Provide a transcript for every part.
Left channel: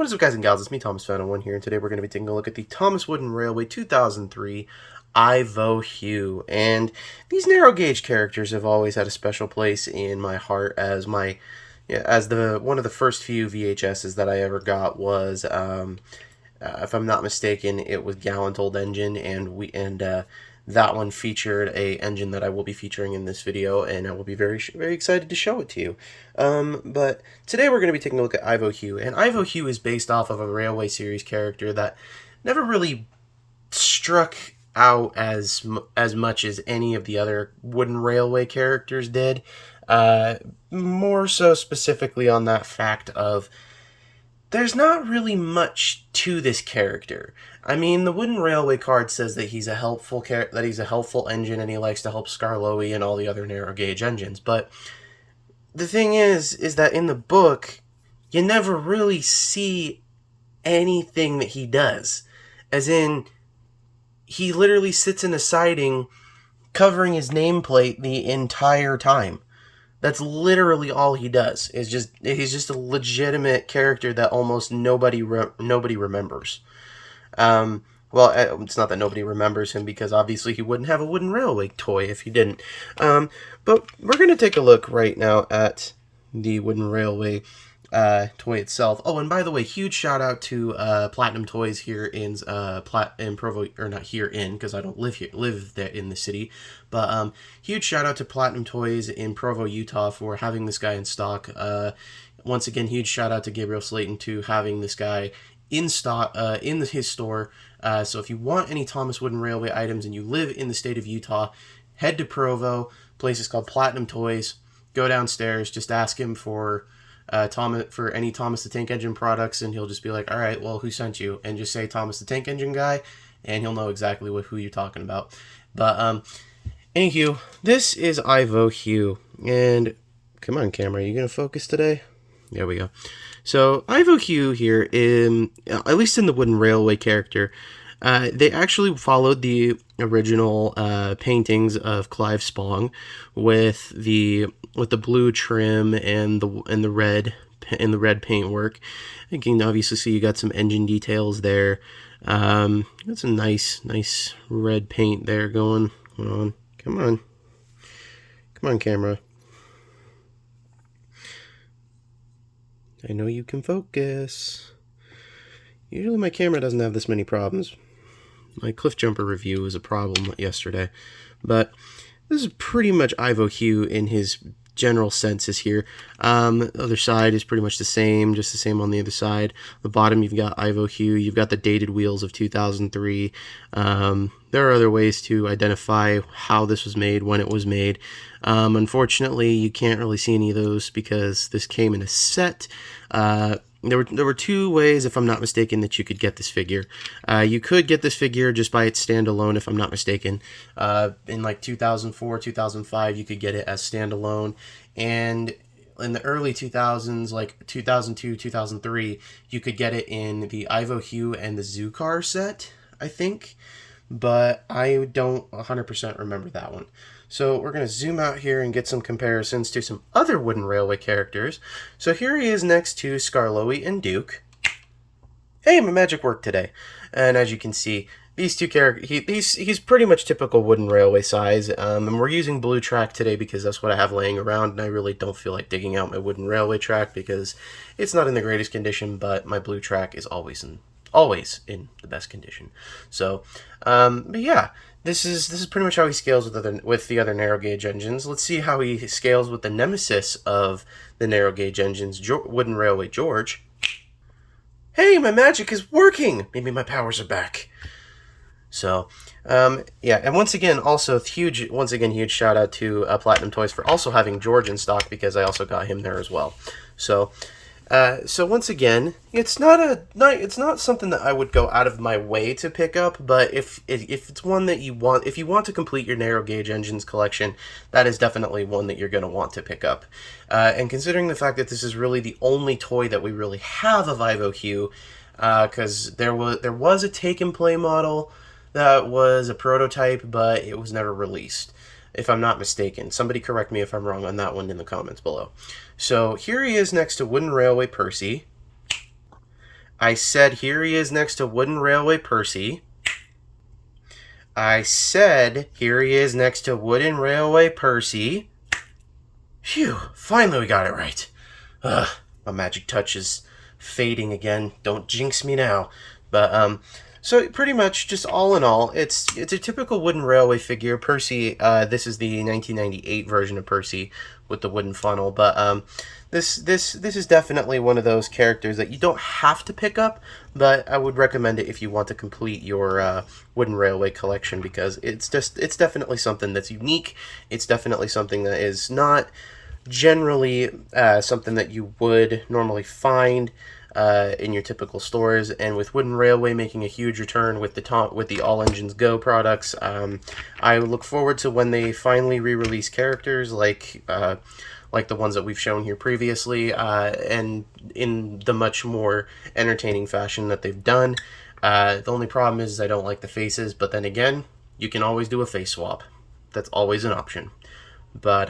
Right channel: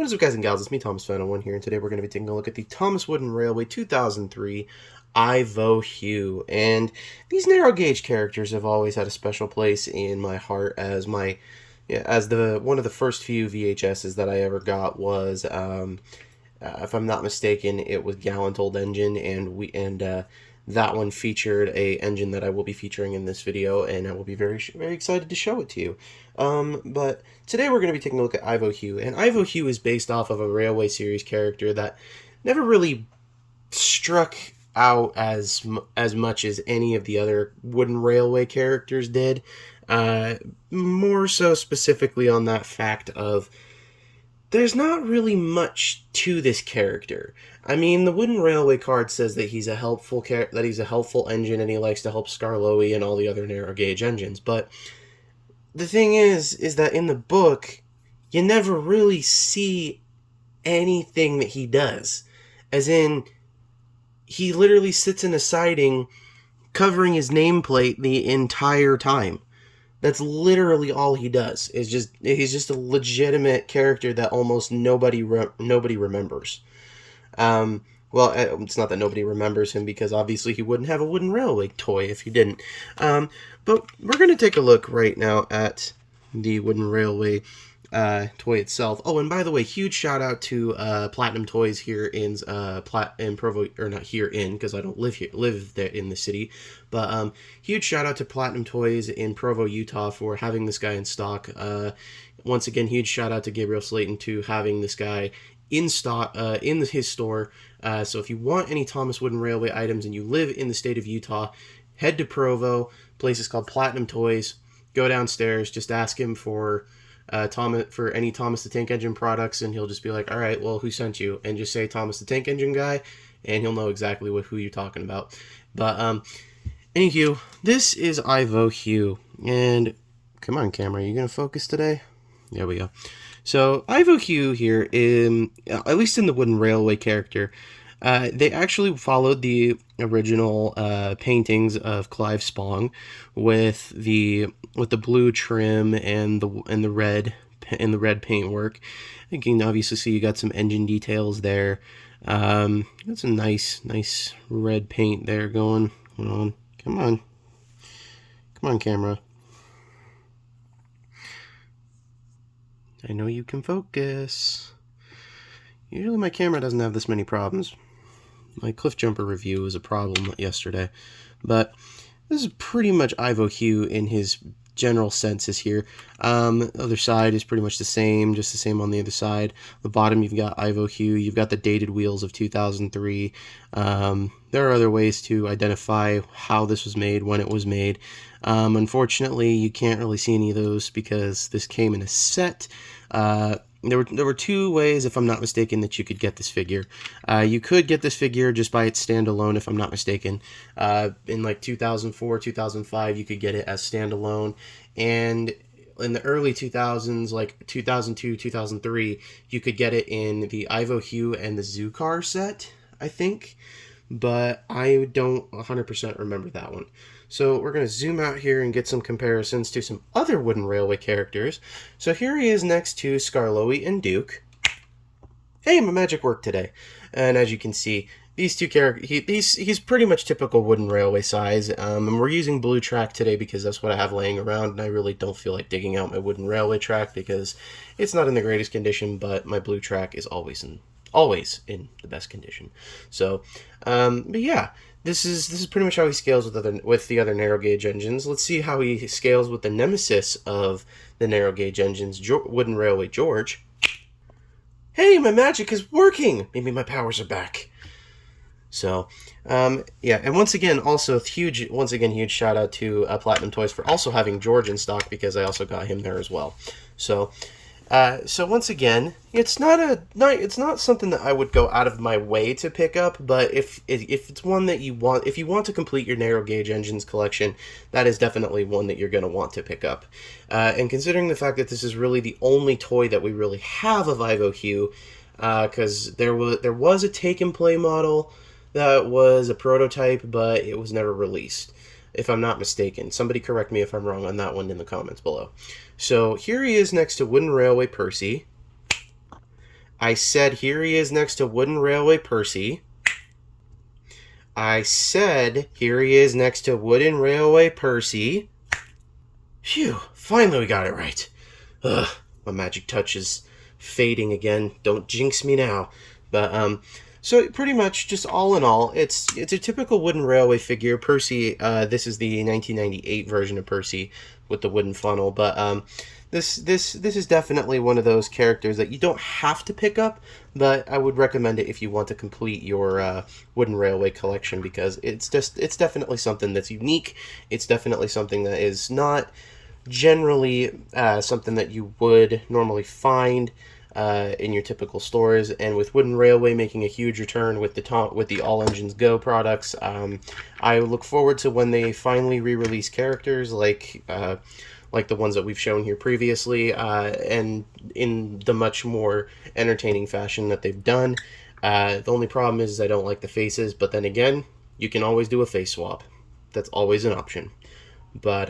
What is up, guys and gals? It's me, Thomas Fan01 here, and today we're going to be taking a look at the Thomas Wooden Railway 2003 Ivo-Hugh. And these narrow gauge characters have always had a special place in my heart as one of the first few VHSs that I ever got was, if I'm not mistaken, it was Gallant Old Engine, and that one featured a engine that I will be featuring in this video, and I will be very excited to show it to you. But today we're going to be taking a look at Ivo-Hugh, and Ivo-Hugh is based off of a Railway series character that never really struck out as much as any of the other Wooden Railway characters did. More so specifically on that fact of there's not really much to this character. I mean, the Wooden Railway card says that he's a helpful engine and he likes to help Skarloey and all the other narrow gauge engines. But the thing is that in the book, you never really see anything that he does. As in, he literally sits in a siding covering his nameplate the entire time. That's literally all he does. He's just a legitimate character that almost nobody remembers. Well, it's not that nobody remembers him, because obviously he wouldn't have a Wooden Railway toy if he didn't. But we're going to take a look right now at the Wooden Railway toy itself. Oh, and by the way, huge shout out to Platinum Toys here in Provo, or not here in, because I don't live there in the city, but huge shout out to Platinum Toys in Provo, Utah for having this guy in stock. Once again, huge shout out to Gabriel Slayton to having this guy in stock in his store. So if you want any Thomas Wooden Railway items and you live in the state of Utah, head to Provo. Place is called Platinum Toys. Go downstairs, just ask him for any Thomas the Tank Engine products, and he'll just be like, all right, well, who sent you? And just say Thomas the Tank Engine guy, and he'll know exactly who you're talking about. But anywho, this is Ivo-Hugh, and come on, camera, are you gonna focus today? There we go. So Ivo-Hugh here, at least in the Wooden Railway character, they actually followed the original paintings of Clive Spong with the blue trim and the red paintwork. You can obviously see you got some engine details there. Got some nice red paint there going on. Come on, camera. I know you can focus. Usually my camera doesn't have this many problems. My Cliff Jumper review was a problem yesterday, but this is pretty much Ivo-Hugh in his general senses here. The other side is pretty much the same, just the same on the other side. The bottom, you've got Ivo-Hugh, you've got the dated wheels of 2003. There are other ways to identify how this was made, when it was made. Unfortunately, you can't really see any of those because this came in a set. There were two ways, if I'm not mistaken, that you could get this figure. You could get this figure just by its standalone, if I'm not mistaken. In like 2004, 2005, you could get it as standalone. And in the early 2000s, like 2002, 2003, you could get it in the Ivo-Hugh and the Zukar set, I think. But I don't 100% remember that one. So we're going to zoom out here and get some comparisons to some other Wooden Railway characters. So here he is next to Skarloey and Duke. Hey, my magic worked today. And as you can see, these two characters, he's pretty much typical Wooden Railway size. And we're using blue track today because that's what I have laying around. And I really don't feel like digging out my Wooden Railway track because it's not in the greatest condition, but my blue track is always in the best condition. So, but yeah. This is pretty much how he scales with the other narrow gauge engines. Let's see how he scales with the nemesis of the narrow gauge engines, Wooden Railway George. Hey, my magic is working! Maybe my powers are back. So, yeah, and once again, huge shout out to Platinum Toys for also having George in stock, because I also got him there as well. So once again, it's not something that I would go out of my way to pick up, but if it's one that if you want to complete your narrow gauge engines collection, that is definitely one that you're going to want to pick up. And considering the fact that this is really the only toy that we really have of Ivo-Hugh, because there was a take and play model that was a prototype, but it was never released, if I'm not mistaken. Somebody correct me if I'm wrong on that one in the comments below. So here he is next to Wooden Railway Percy. I said here he is next to Wooden Railway Percy. I said here he is next to Wooden Railway Percy. Phew, finally we got it right. Ugh, my magic touch is fading again. Don't jinx me now. But, so pretty much just all in all, it's a typical Wooden Railway figure. Percy, this is the 1998 version of Percy with the wooden funnel, but, this is definitely one of those characters that you don't have to pick up, but I would recommend it if you want to complete your Wooden Railway collection, because it's definitely something that's unique. It's definitely something that is not generally something that you would normally find in your typical stores. And with Wooden Railway making a huge return with the All Engines Go products, I look forward to when they finally re-release characters like the ones that we've shown here previously, and in the much more entertaining fashion that they've done. The only problem is I don't like the faces, but then again, you can always do a face swap. That's always an option. But,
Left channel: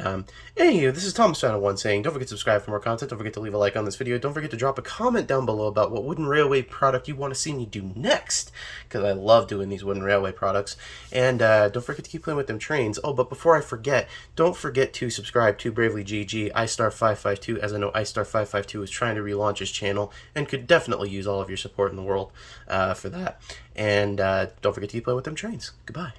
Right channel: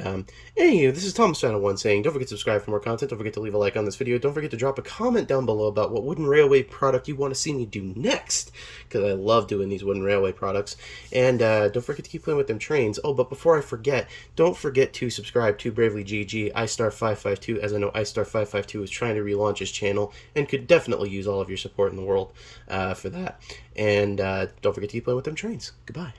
anywho, this is Thomas Fan 1 saying, don't forget to subscribe for more content, don't forget to leave a like on this video, don't forget to drop a comment down below about what Wooden Railway product you want to see me do next, because I love doing these Wooden Railway products, and, don't forget to keep playing with them trains. Oh, but before I forget, don't forget to subscribe to Bravely GG, iStar552, as I know iStar552 is trying to relaunch his channel, and could definitely use all of your support in the world, for that, and, don't forget to keep playing with them trains. Goodbye.